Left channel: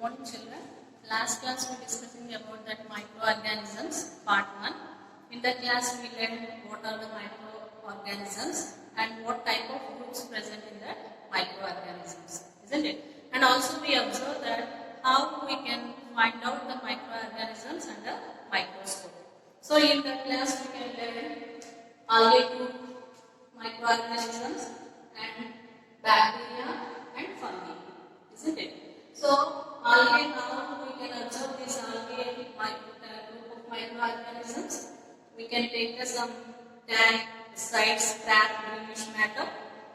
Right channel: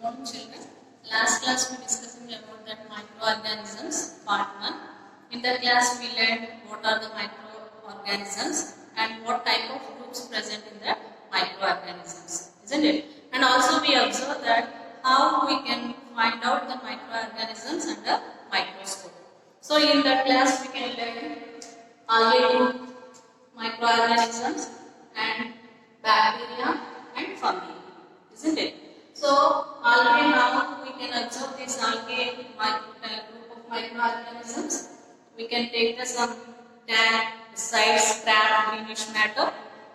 morning children. Last class we discussing about that microorganisms part 1. In that class we learned what are the microorganisms and what type of groups present in the microorganisms, isn't it? And also we observe that how we can find out the microorganisms under microscope. So in that class we can learn algae group, microorganisms and bacteria and fungi, isn't it? So algae, now we can observe this algae group of microorganisms. We can take some tan, side scrap, greenish matter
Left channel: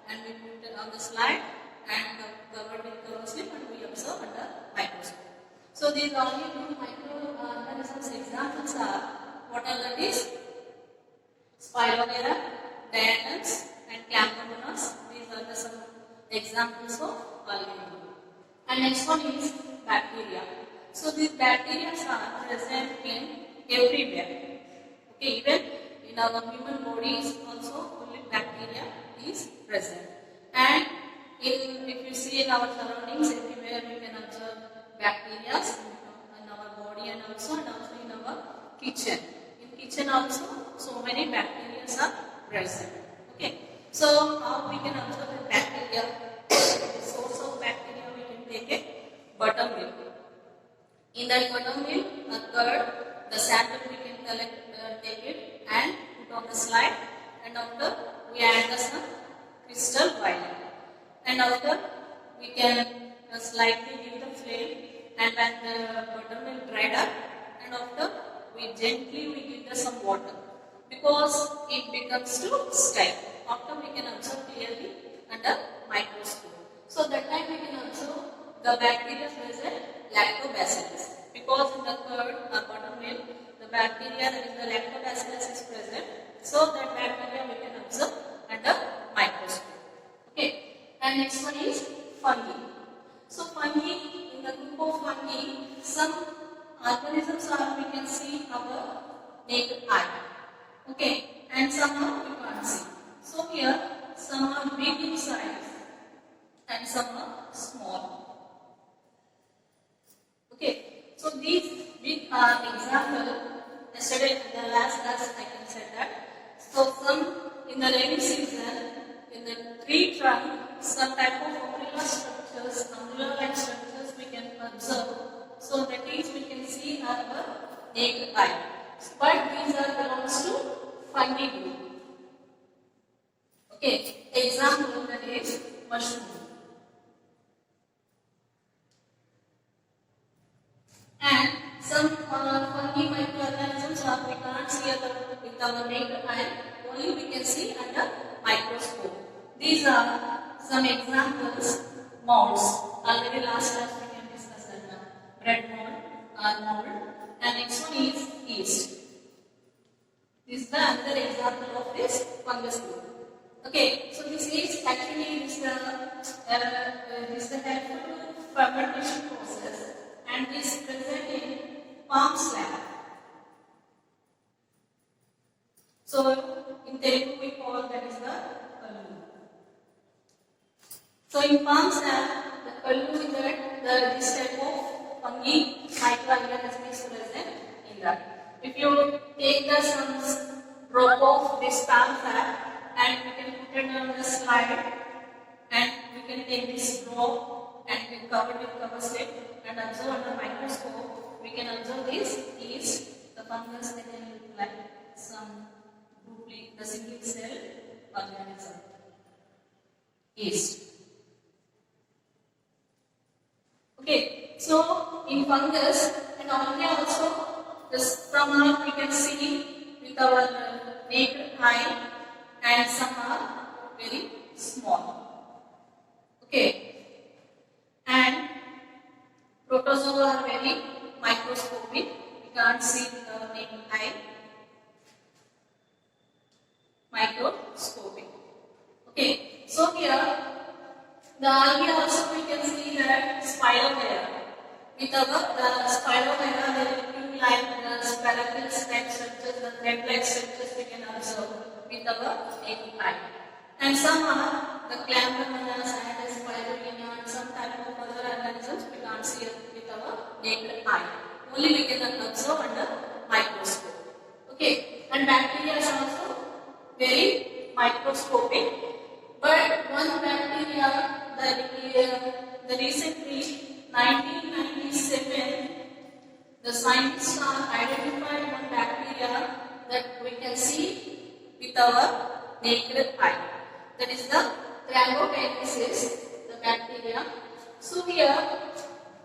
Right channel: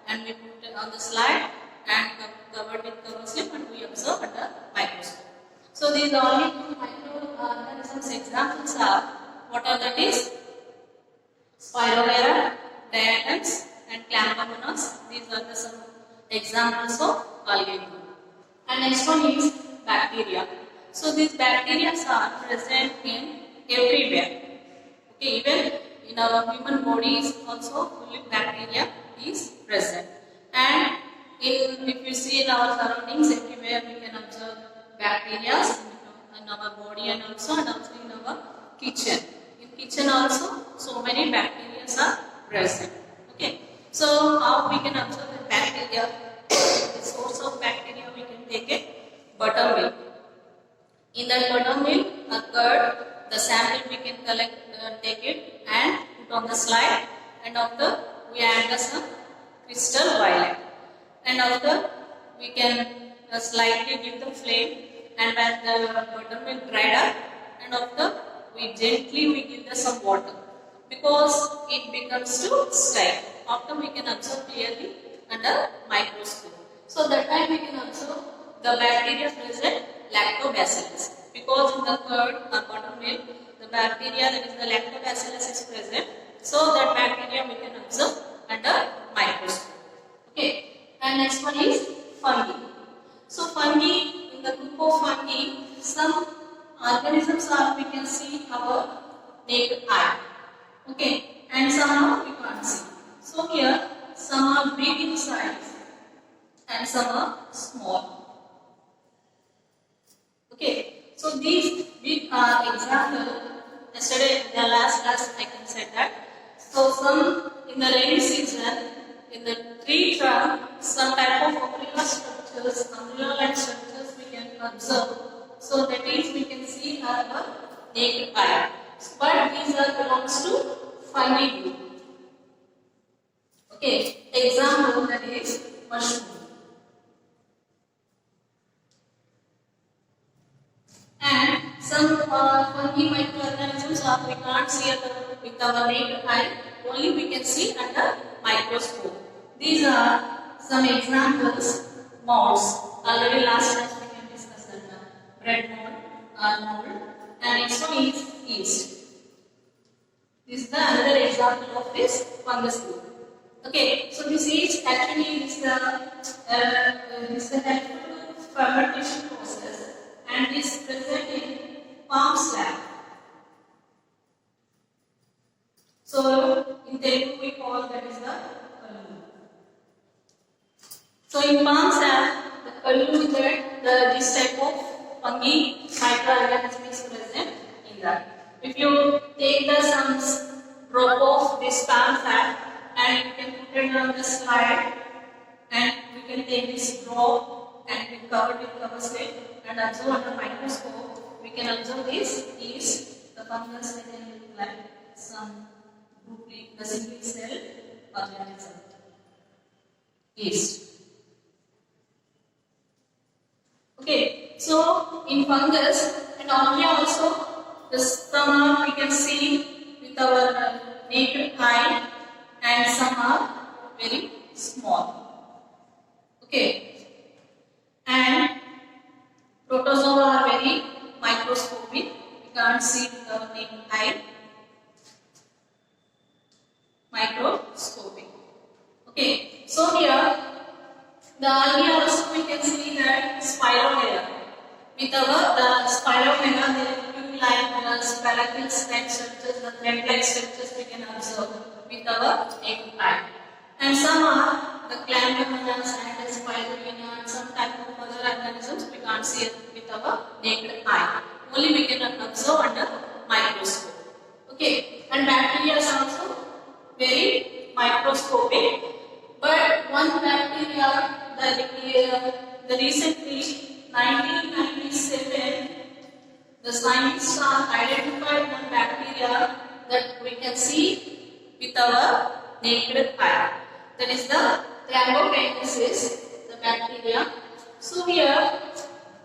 and we put it on the slide and covered with cover slip and we observe under microscope. So these algae group microorganisms examples are, what are that is? Spirogyra, diatoms and Chlamydomonas. These are the some examples of algae group. And next one is bacteria. So these bacteria are present in everywhere. Okay, even in our human bodies also bacteria is present. And if you see in our surroundings everywhere we can observe bacteria in our body and also in our kitchen. In kitchen also so many bacteria are present. Okay, so how we can observe the bacteria? The source of bacteria we can take a buttermilk. In that buttermilk, a curd, the sample we can collect, take it and put on the slide, and after we add some crystal violet, and after we can slightly give the flame, and when the buttermilk dried up, and after we gently give some water because it becomes too stale. After we can observe clearly under microscope. So that time we can observe the bacteria present lactobacillus, because in the curd or buttermilk the bacteria that is the lactobacillus is present. So that bacteria we can observe under microscope. Okay, and next one is fungi. So fungi, in the group of fungi, some organisms are we can see our naked eye. Okay, and some are we can't see. So here some are big in size and some are small. Okay, so these big are example. Yesterday in the last class I can say that. So some in the rainy season, in the tree trunk, some type of umbrella structures, umbrella-like structures we can observe. So that is we can see our naked eye. But these are belongs to fungi group. Okay, example that is mushroom. And some fungi microorganisms are we can't see with our naked eye, only we can see under microscope. These are some examples. Molds. Already last class we can discuss that. Bread mold, and next one is yeast. This is the another example of this fungus group. Okay, so this is actually this is a helpful fermentation process, and is present in palm slab. So in Telugu we call that is the kallu. So in palm slab, the kallu that this type of fungi microorganism is present in that. If you take the some drop of this palm slab and you can put it on the slide, and we can take this drop and we cover it with cover slip and observe under microscope. We can observe this yeast, the fungus that can look like some the single cell organism. Yeast. Okay, so in fungus and algae also, the some we can see with our naked eye, and some are very small. Okay, and protozoa are very microscopic. We can't see with our naked eye. Microscopic. Okay, so here the algae also we can see that Spirogyra. With our the Spirogyra, there will be like spiracles like structures, the thread-like structures we can observe with our naked eye. And some are the Chlamydomonas and the Spirogyra and some type of other organisms we can't see with our naked eye. Only we can observe under microscope. Okay, and bacteria is also very microscopic. But one bacteria, the recently 1997, the scientists have identified one bacteria that we can see with our naked eye. That is the Clambokinesis, the bacteria. So here,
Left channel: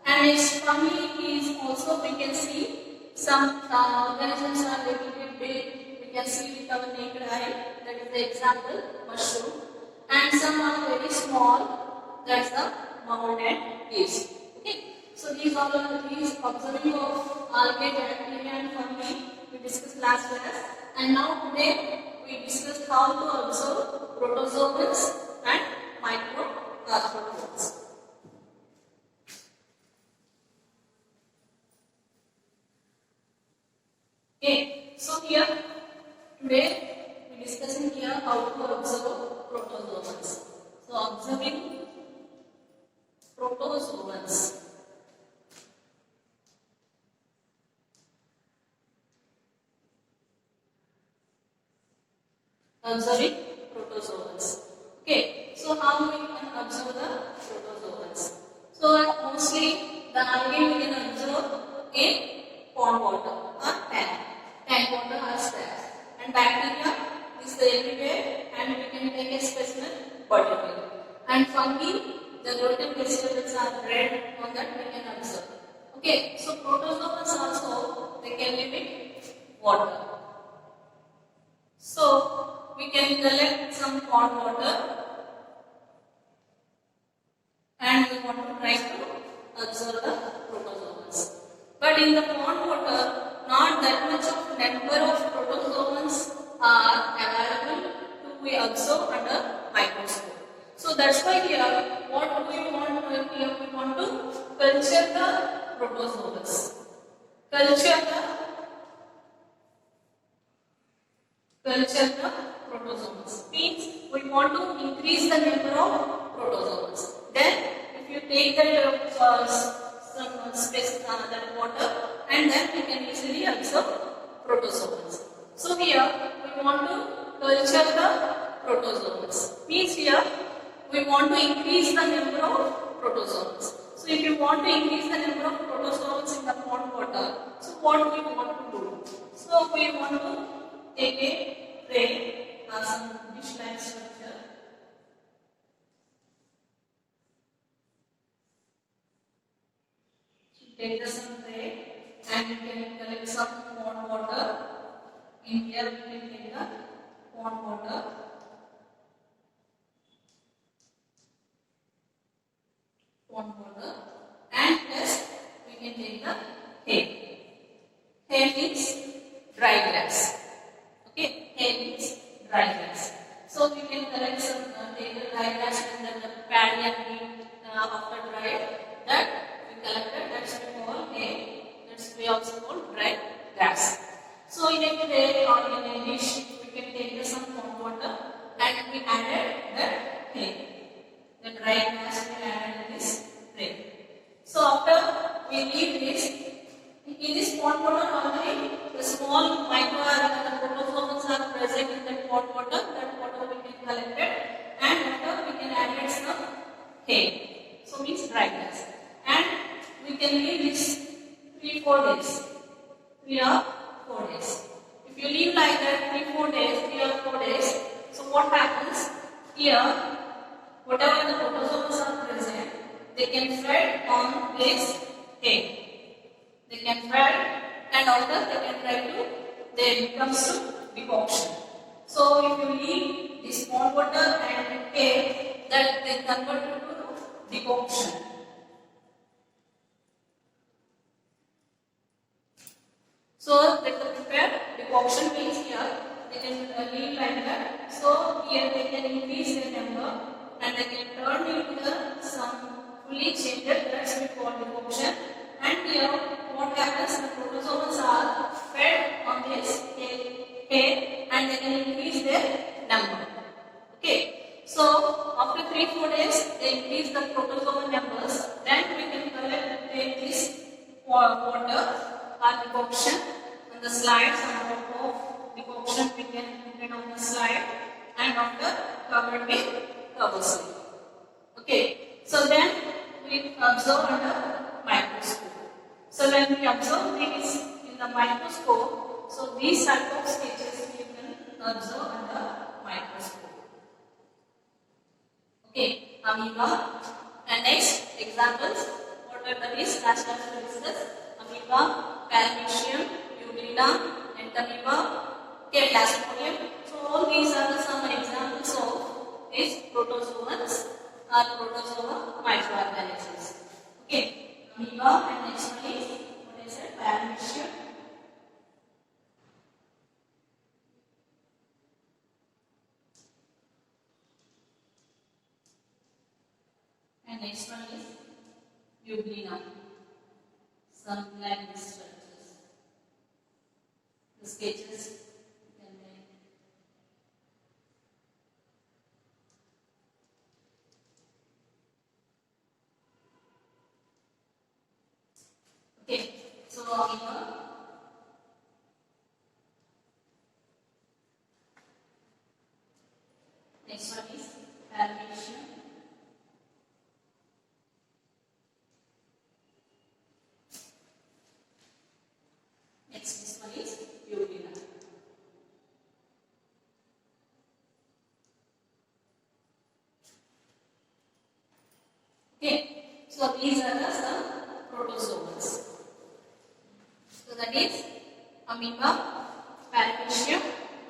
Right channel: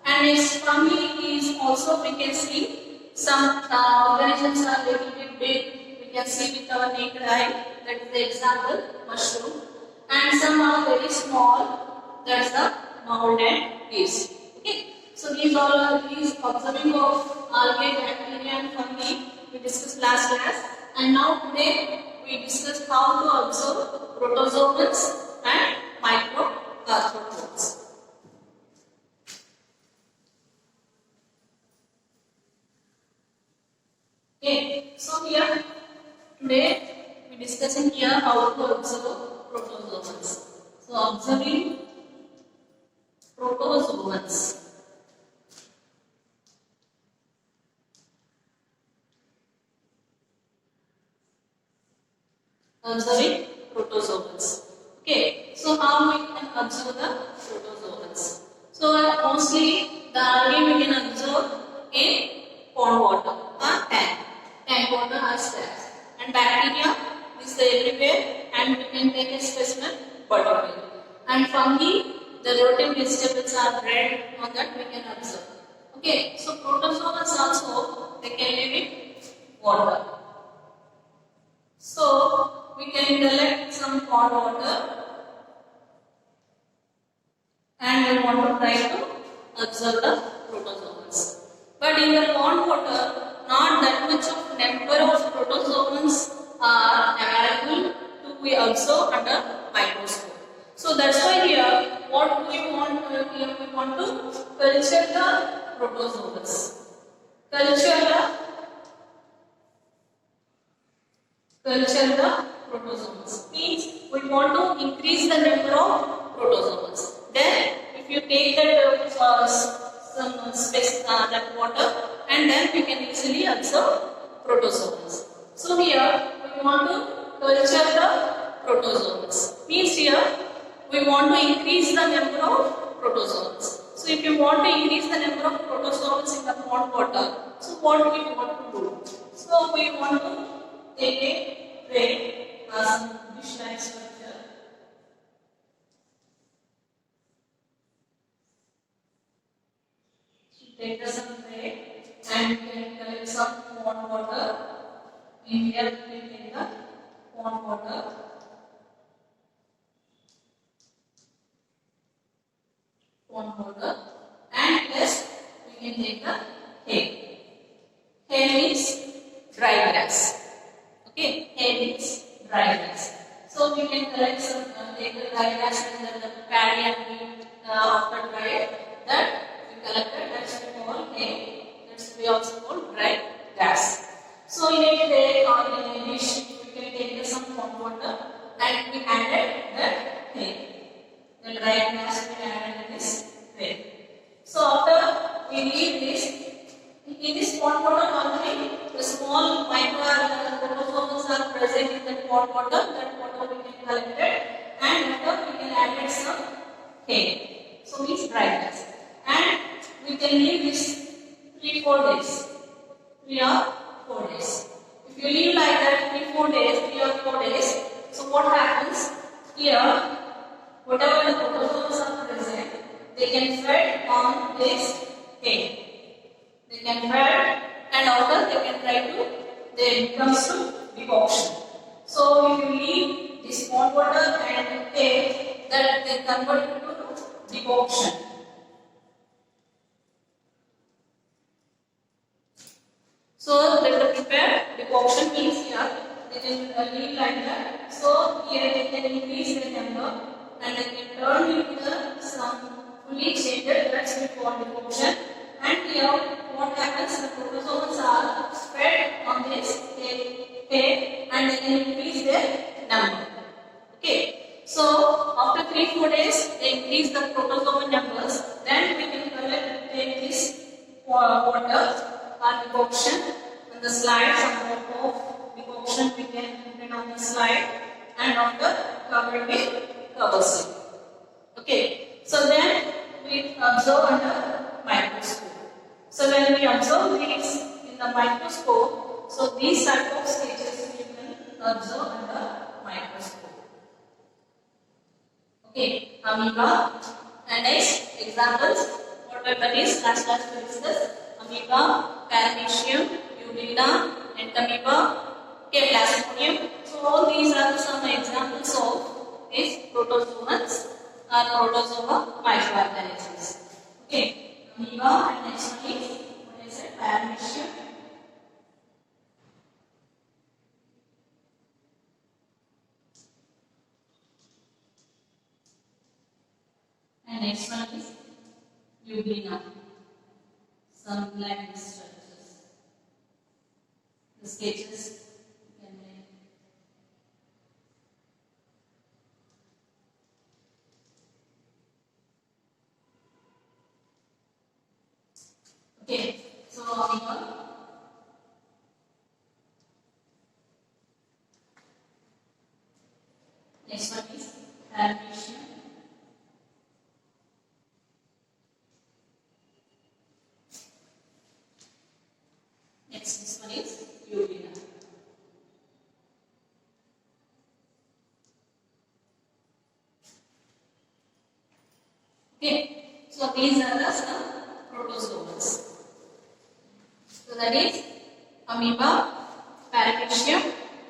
and its family is also we can see some organisms are little bit big. We can see with our naked eye. That is the example, mushroom. And some are very small. That's the mold and yeast. Okay. So these all are these observing of algae, bacteria, and fungi we discussed last class. And now today we discuss how to observe protozoans and microarthropods. Okay, so here today we discussing here how to observe protozoans. So observing protozoans. Observing protozoans. Okay, so how we can observe the protozoans? So mostly the algae we can observe in pond water or tank water or stairs. And bacteria is everywhere, and we can take a specimen particle. And fungi, the rotten vegetables are red, on that we can observe. Okay, so protozoans also they can live in water. So we can collect some pond water and we want to try to observe the protozoans. But in the pond water, not that much of number of protozoans are available to be observed under microscope. So that's why here what we want here we want to culture the protozoans. Culture the protozoans means we want to increase the number of protozoans. Then if you take that some space that water, and then we can easily observe protozoans. So here we want to culture the protozoans. Means here we want to increase the number of protozoans. So if you want to increase the number of protozoans in the pond water, so what we want to do? So we want to take a tray, some dish-like structure. Take the some tray and we can collect some pond water. In here we can take the pond water. And plus we can take the hay. Hay means dry grass. Okay, hay means dry grass. So we can collect some take the dry grass and then the paddy and wheat after dry that we collected. That's we call hay. That's we also call dry grass. So in a tray or in a dish we can take some pond water and we added the hay. The dry grass we added in this tray. So after we leave this, in this pond water normally the small microorganisms are present in that pond water. That water we can collect it, and after we can add some hay. So means dry grass, and we can leave this 3-4 days. 3 or 4 days. If you leave like that 3-4 days, 3 or 4 days, so what happens here? Whatever the protozoans are present, they can feed on this hay. They can feed, and after they can try to, they comes to decoction. So if you leave this pond water and hay, that they convert into decoction. So that the prepared decoction means here they can leave like that. So here they can increase the number and they can turn into some fully changed, that's we call decoction. And here what happens, the protozoans are fed on this hay and they can increase their number. Okay, so after 3-4 days they increase the protozoan numbers, then we can take this water or decoction on the slide. Some amount of decoction we can put on the slide and after covered with cover slip. Okay, so then we observe under microscope. So when we observe these in the microscope, so these type of sketches we can observe under microscope. Okay, amoeba. And next examples, what are that is last class we discussed. Amoeba, paramecium, uvula, entamoeba, okay, plasmodium. So all these are some examples of these protozoans or protozoa microorganisms. Okay, amoeba and next one is what is it? Paramecium. And next one is Euglena, some like these structures. The sketches can be. Okay, so amoeba. Next one is paramecium. Next, this one is Euglena. Okay, so these are the some protozoans. So that is amoeba, paramecium,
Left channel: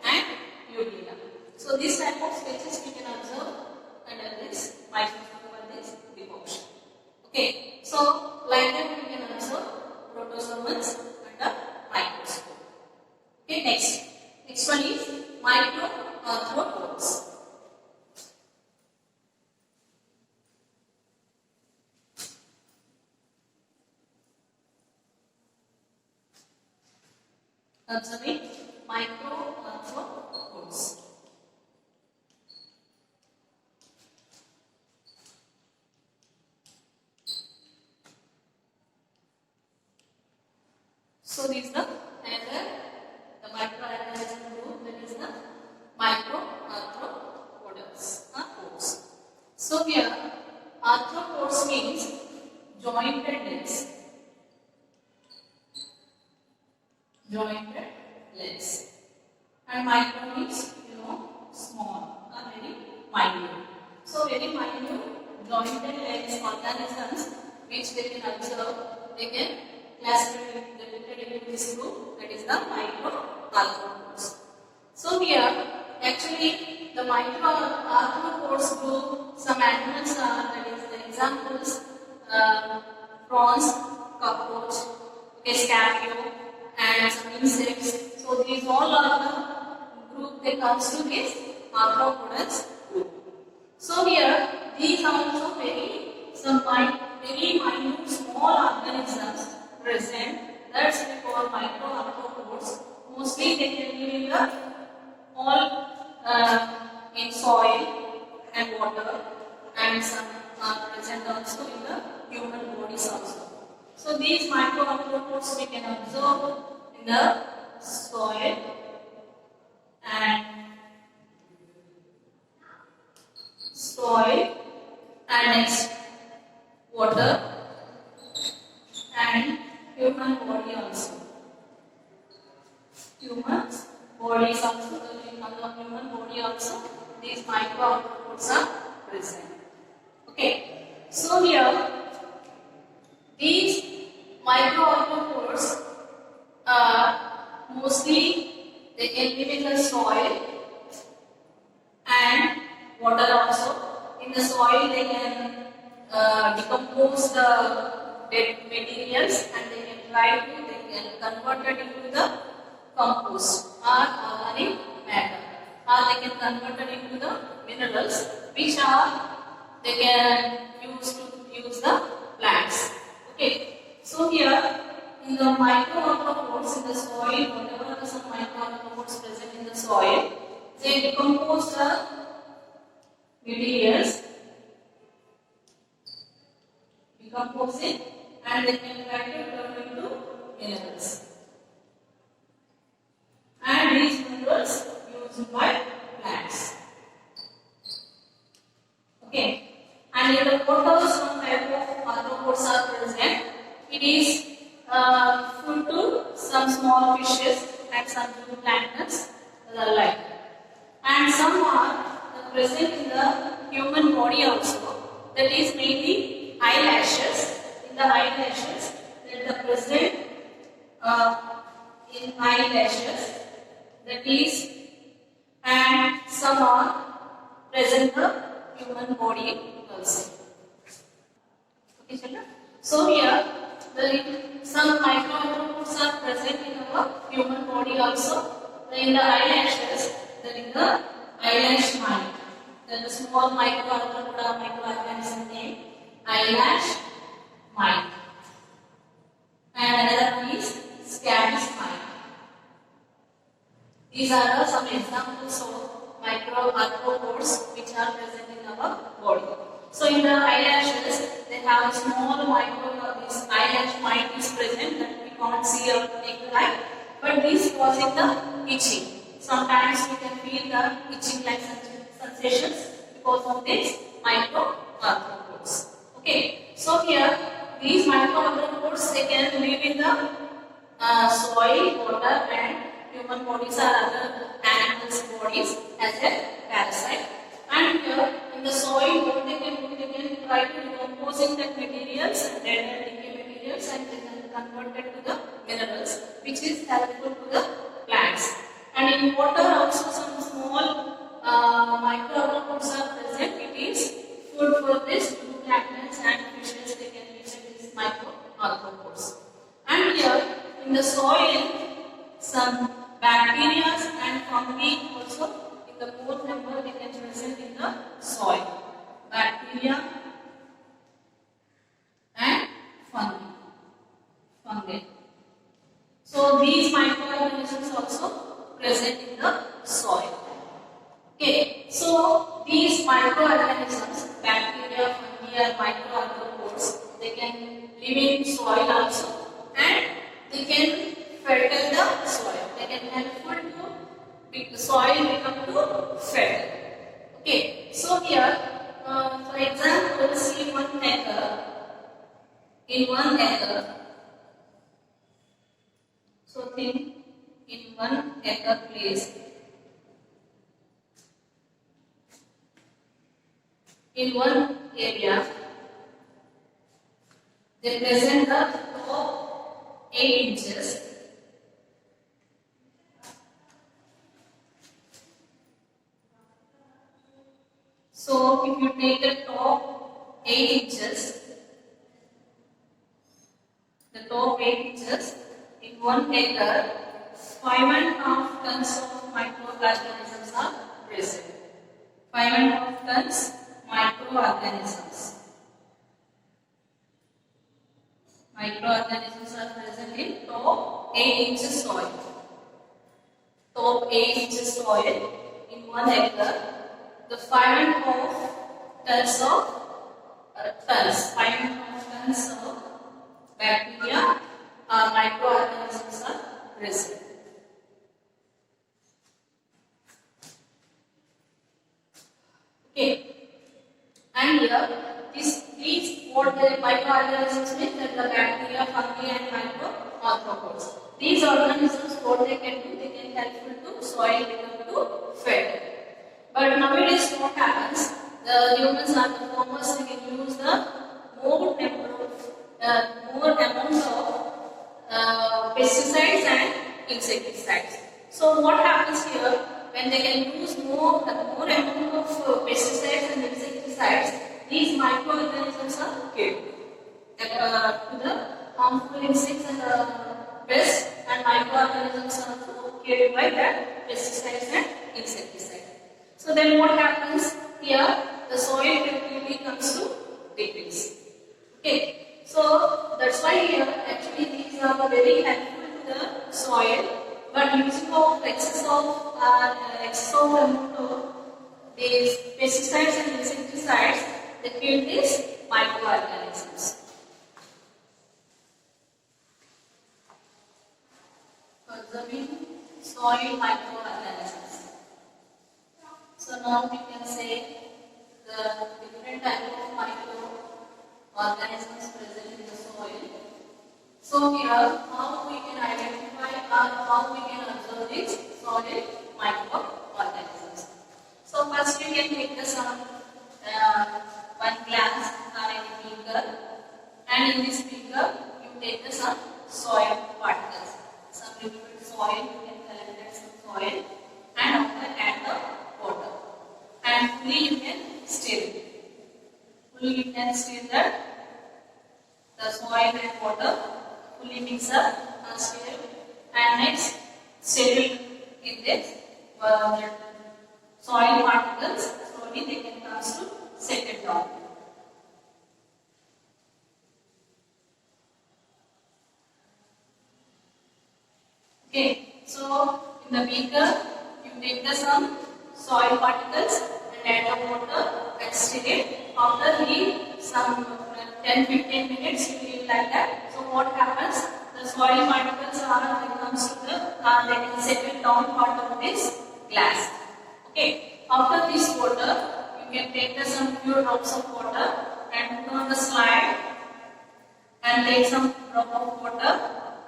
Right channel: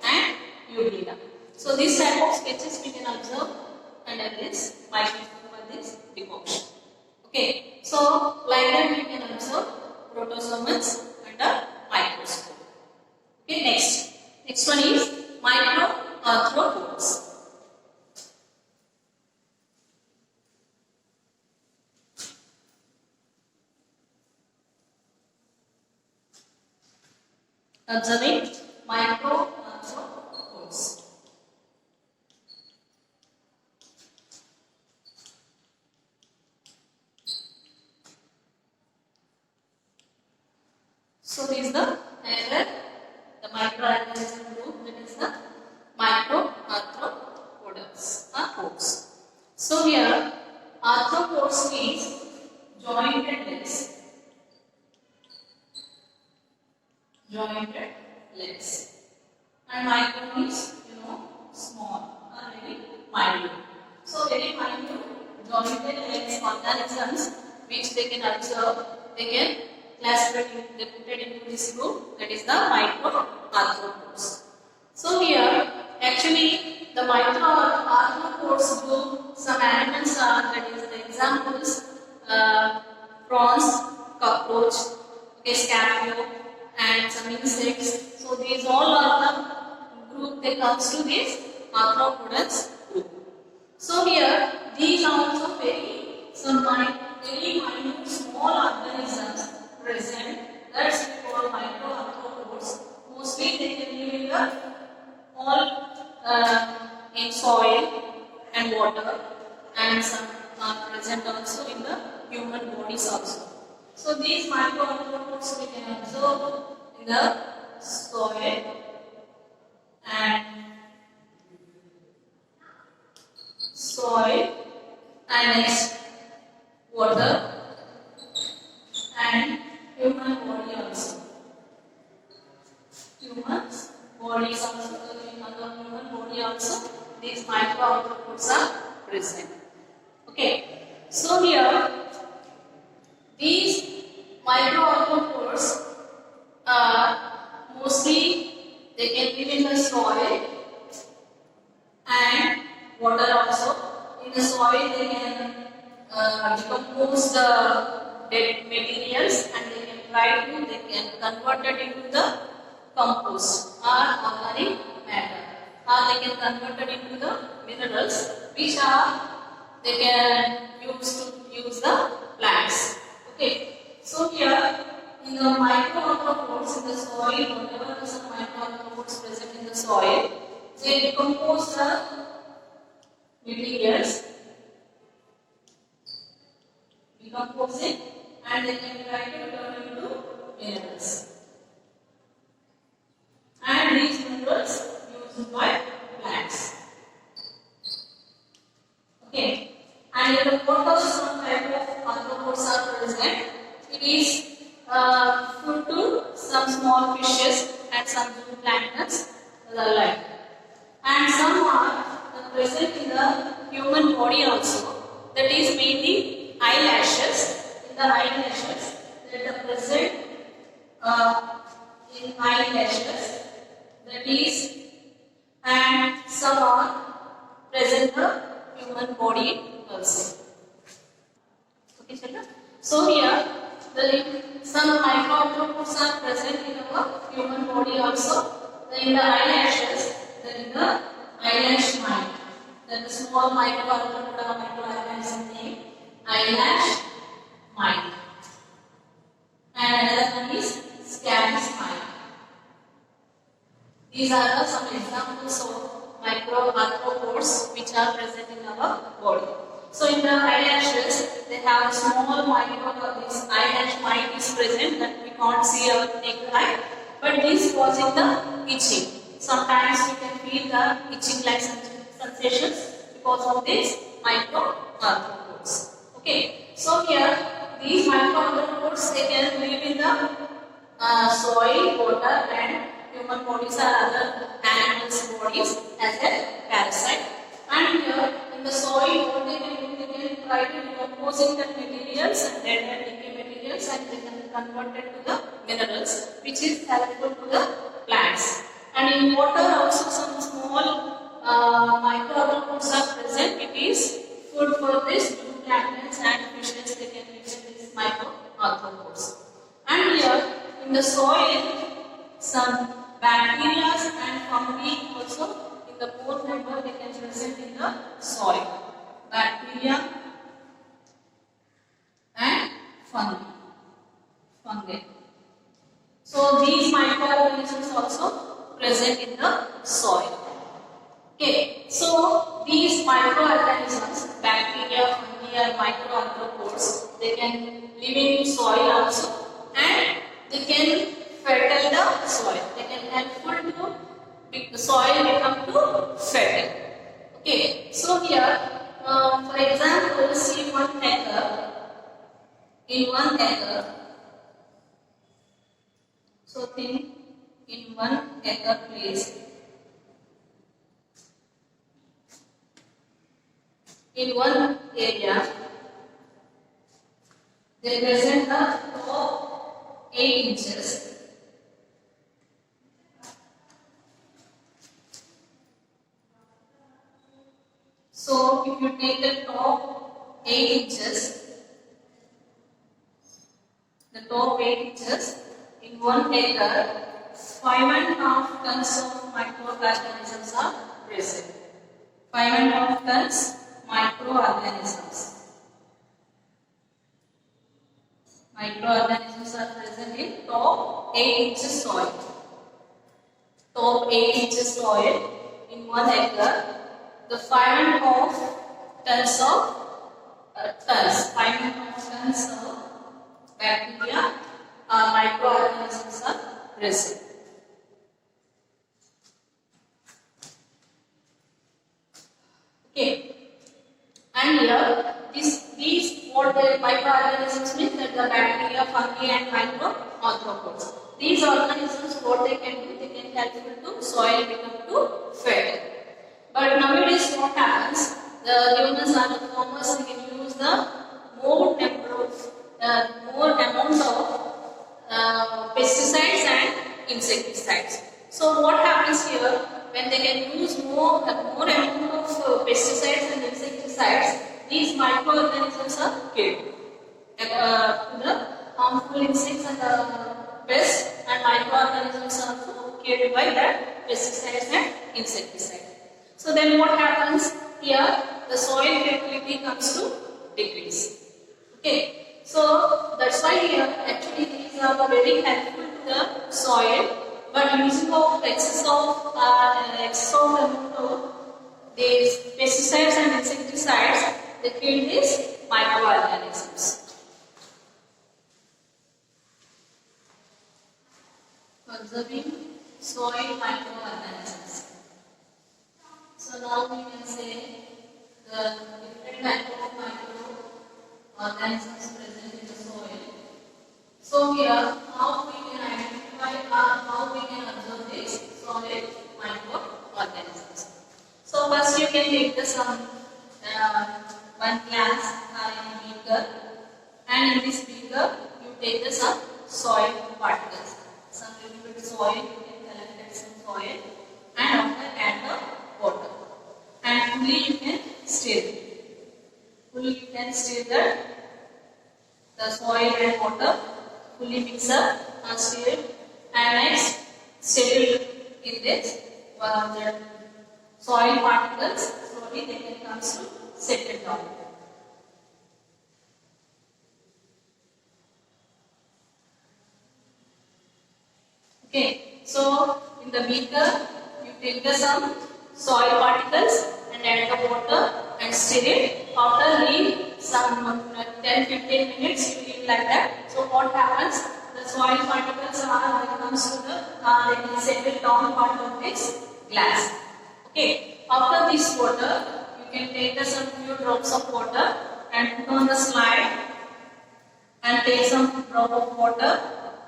and Euglena. So these type of sketches we can observe under this microscope or this decoction. Okay, so like that we can observe protozoans under microscope. Okay, next one is microarthropods. Observing microarthropods. So this is the microorganism group, that is the microarthropods or pods. So here arthropods means jointed legs. Jointed legs. And micro means small or very minute. So very minute jointed legs organisms which they can observe, they can classified, they put it into this group, that is the microarthropods. So here actually the microarthropods group, some animals are, that is the examples, prawns, cockroach, scarabeo, and some insects. So these all are the group that comes to this arthropods group. So here these are also very minute small organisms present. That's we call microarthropods. Mostly they can live in the in soil and water, and some are present also in the human bodies also. So these microarthropods we can observe in the soil and next water and human body also. Human body also, these microarthropods are present. Okay, so here these microarthropods mostly they can live in the soil and water also. In the soil they can decompose the dead materials and they can convert it into the compost or organic matter, or they can convert it into the minerals which they can use the plants. Okay, so here in the microarthropods in the soil, whatever the some microarthropods present in the soil, they decompose the materials, decompose it and they can try to turn into minerals. And these minerals used by plants. Okay. And in the water, some type of arthropods are present. It is food to some small fishes and some planktons alike. And some are present in the human body also. That is mainly eyelashes. In the eyelashes, that are present in eyelashes. That is, and some are present in the human body also. Okay, children. So here, some microarthropods are present in our human body also. In the eyelashes, then in the eyelash mite. Then the small microarthropoda microorganism named eyelash mite. And another one is scabies mite. These are some examples of microarthropods which are present in our body. So in the eyelashes, they have small this eyelash mite is present that we can't see our naked eye, but this causing the itching. Sometimes you can feel the itching like sensations because of these microarthropods. Okay, so here these microarthropods they can live in the soil, water, and human bodies or other animals' bodies as a parasite. And here in the soil, what they can do, they can try to decomposing the materials and dead and decay materials and they can convert it to the minerals, which is helpful to the plants. And in water also some small microorganisms are present. It is food for this planktons and fishes. They can use these microarthropods. And here in the soil, some bacteria and fungi also in the pore member they can present in the soil. Bacteria and fungi. So these microorganisms also present in the soil. Okay, so these microorganisms, bacteria, fungi, and microarthropods, they can live in soil also, and they can fertile the soil. They can helpful to make the soil become to fertile. Okay, so here, for example, see 1 acre. In 1 acre, so think in 1 acre place. In one area, they present the top 8 inches. So, if you take the top 8 inches, in 1 acre, 5.5 tons of microorganisms are present. 5.5 tons microorganisms. Microorganisms are present in top 8 inches soil. Top 8 inches soil in 1 acre. The 5.5 tons of 5.5 tons of bacteria or microorganisms are present. Okay. And here, these what the microorganisms means that the bacteria, fungi, and microarthropods. These organisms, what they can do, they can help to soil become to fertile. But nowadays, what happens? The humans and the farmers can use the more amounts of pesticides and insecticides. So what happens here? When they can use more amount of pesticides and insecticides, these microorganisms are killed. The harmful insects and the pests and microorganisms are also killed by the pesticides and insecticides. So then what happens here? The soil fertility comes to decrease. Okay. So that's why here actually these are very helpful to the soil. But using of excess of amount of these pesticides and insecticides, they kill these microorganisms. observing soil microorganisms. So now we can say the different type of microorganisms present in the soil. So here, how we can identify or how we can observe these soil microorganisms. So first you can take the some one glass or in a beaker, and in this beaker you take the some soil particles. Some little bit soil, you can collect some soil, and after add the water, and fully you can stir. Fully you can stir the soil and water. Fully mix up and stir it, and next settle in this the soil particles. Slowly they can come to settle down. Okay, so in the beaker you take the some soil particles and add the water and stir it. After leave some 10-15 minutes you leave like that. So what happens? The soil particles are when it comes to the they can settle down part of this glass. Okay. After this water, you can take the some few drops of water and put on the slide and take some drop of water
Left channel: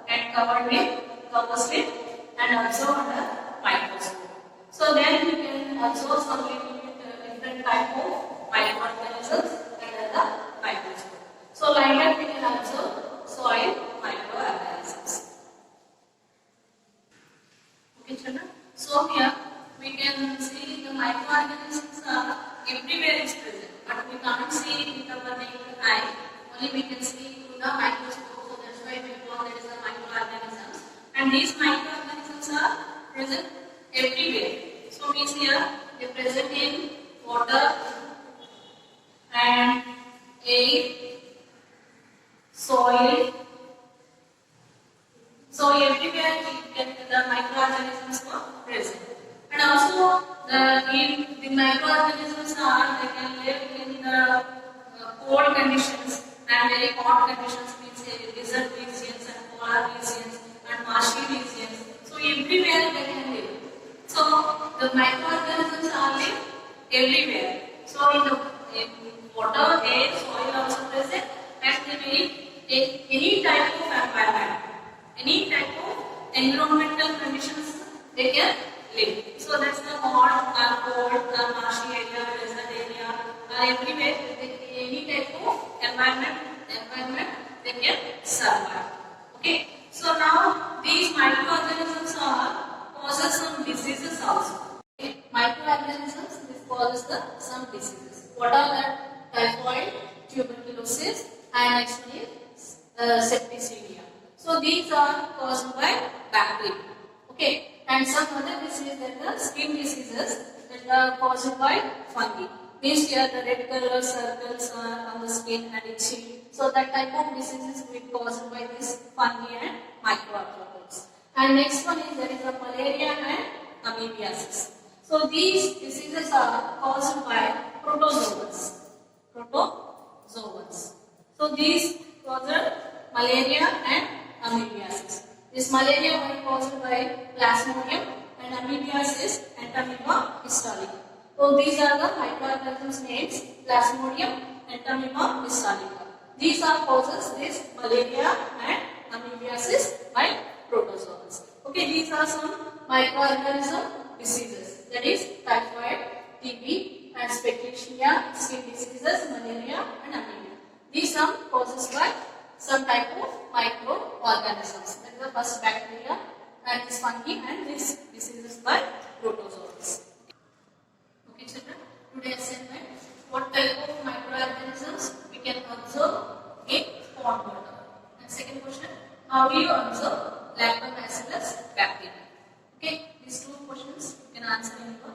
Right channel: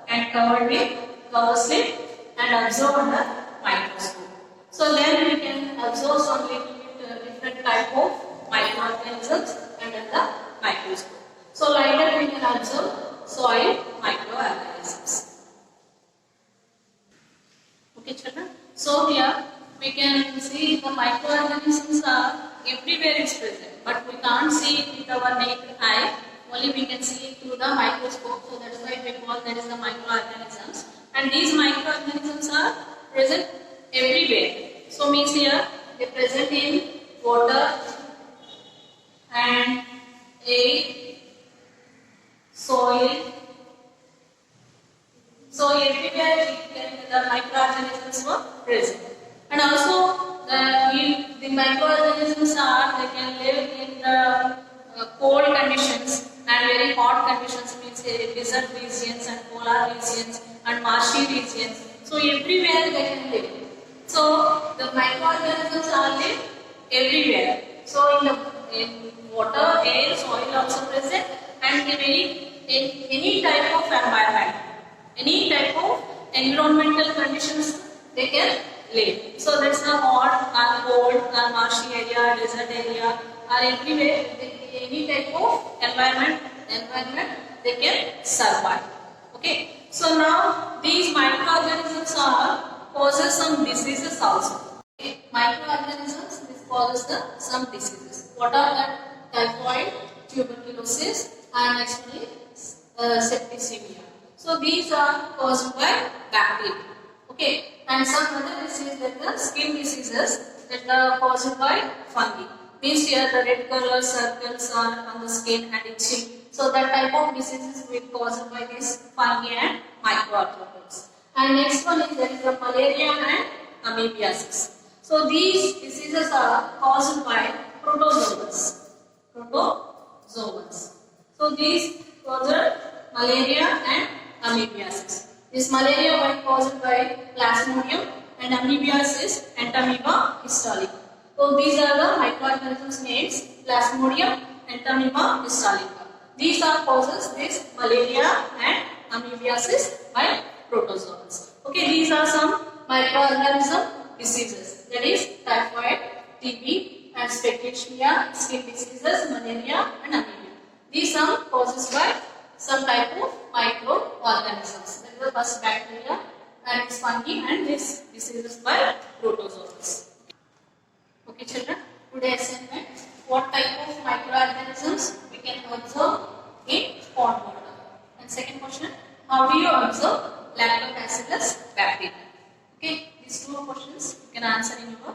and cover it and observe under microscope. So then you can observe some little bit different type of microorganisms under the microscope. So like that we can observe soil microorganisms. Okay, children. So here we can see the microorganisms are everywhere is present, but we can't see it with our naked eye. Only we can see it through the microscope. So that's why we call that is the microorganisms. And these microorganisms are present everywhere. So means here they present in water and air, soil. So everywhere the microorganisms were present. And also the microorganisms they can live in the cold conditions and very hot conditions, means desert regions and polar regions and marshy regions. So everywhere they can live. So the microorganisms are live everywhere. So in water, air, soil also present, and in any type of environment, any type of environmental conditions they can live. So that's the hot or cold or marshy area, desert area, or everywhere, any type of environment they can survive. Okay. So now these microorganisms causes some diseases also. Okay. Microorganisms this causes some diseases. What are the? Typhoid, tuberculosis, and actually septicemia. So these are caused by bacteria. Okay. And some other diseases like the skin diseases that are caused by fungi. Means here the red color circles are on the skin and itching. So that type of diseases will be caused by this fungi and microorganisms. And next one is there is the malaria and amoebiasis. So these diseases are caused by protozoans. So these cause malaria and amoebiasis. This malaria was caused by Plasmodium and amoebiasis Entamoeba histolytica. So these are the microorganisms names Plasmodium and Entamoeba histolytica. These are causes this malaria and amoebiasis by protozoans. Okay, these are some microorganism diseases, that is typhoid, TB and septicemia, skin diseases, malaria and anemia. These are causes by some type of microorganisms. That is the first bacteria and this fungi and this diseases by protozoans. Okay children, today assignment, what type of microorganisms we can observe in pond water. And second question, how do you observe lactobacillus bacteria? Okay, these two questions you can answer in your